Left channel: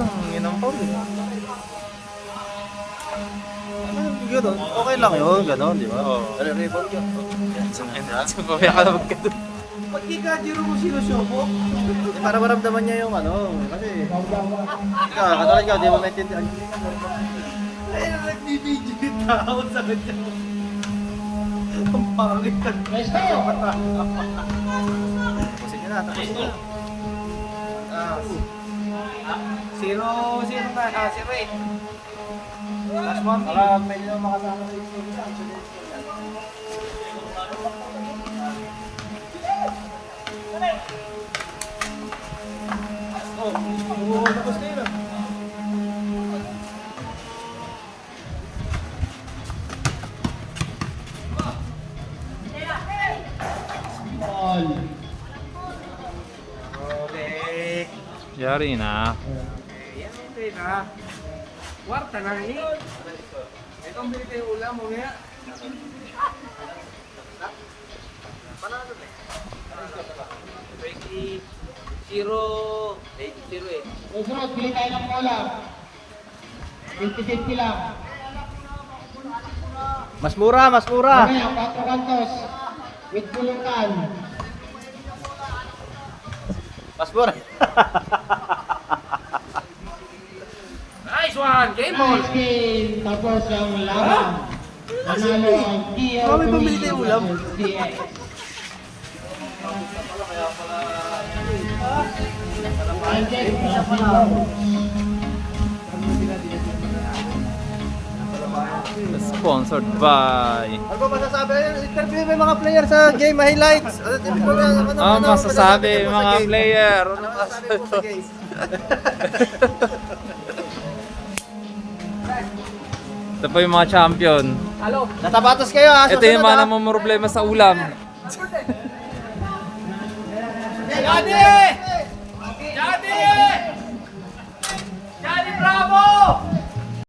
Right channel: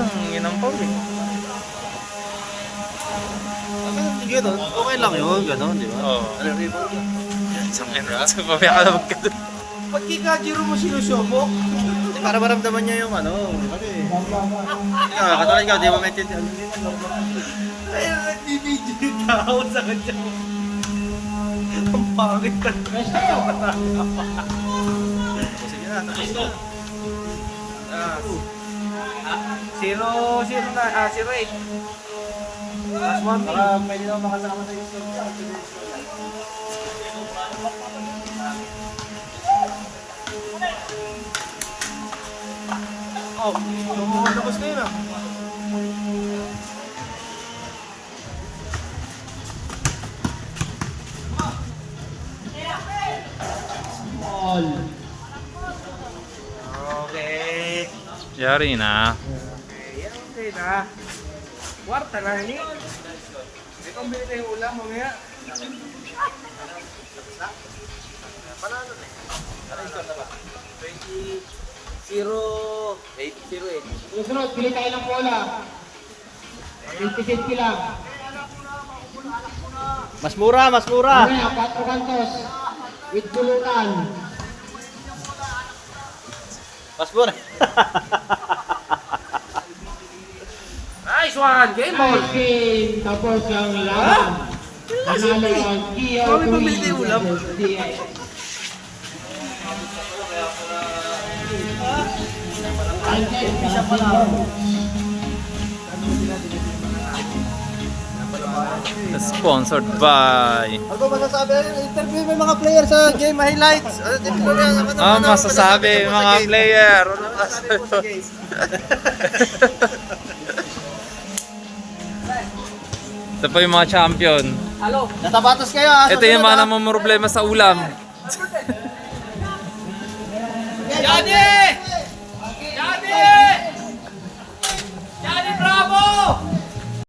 lang, yun ang foul eh. Gano'n, okay lang yun, gano'n, di ba? Oo. Nare-rebound yan. Sangin na. Pamaya ka na magkado. Pag kikajiro mo sinusyopo, para maramdaman niya yung ano, kasi... Ikaw, katulad ikaw, di mo maintindihan. Ay, nagbibidyo yung tao sa kanya. Ang pangit ka. Tapos na, tapos na. Zero na, 0-8. Baka pwede naman makasama sa isip sa Oh, tapos na yun ah. Okay. Yari na. Okay na. Kwarta na rin yun. May kambili tayo ulam mo nga. Susunod, bili tayo ng bola. 50-50 lang. Mas mura, mas mura. Mamaya, 4 kantos. With bulutan. Mas mura. Nice one! Game ball! 15, tapos ang laban. Nanalo ang Kio. Kami pamili tayo ulam. Sponsored by... Ano ba masasabi? Interview mo yung mga player sa game highlights. masasabi mga player. Ano masasabi? Ito pa yung mga champion. Natabatos kayo ha. Ito yung mga namumroblema sa ulam.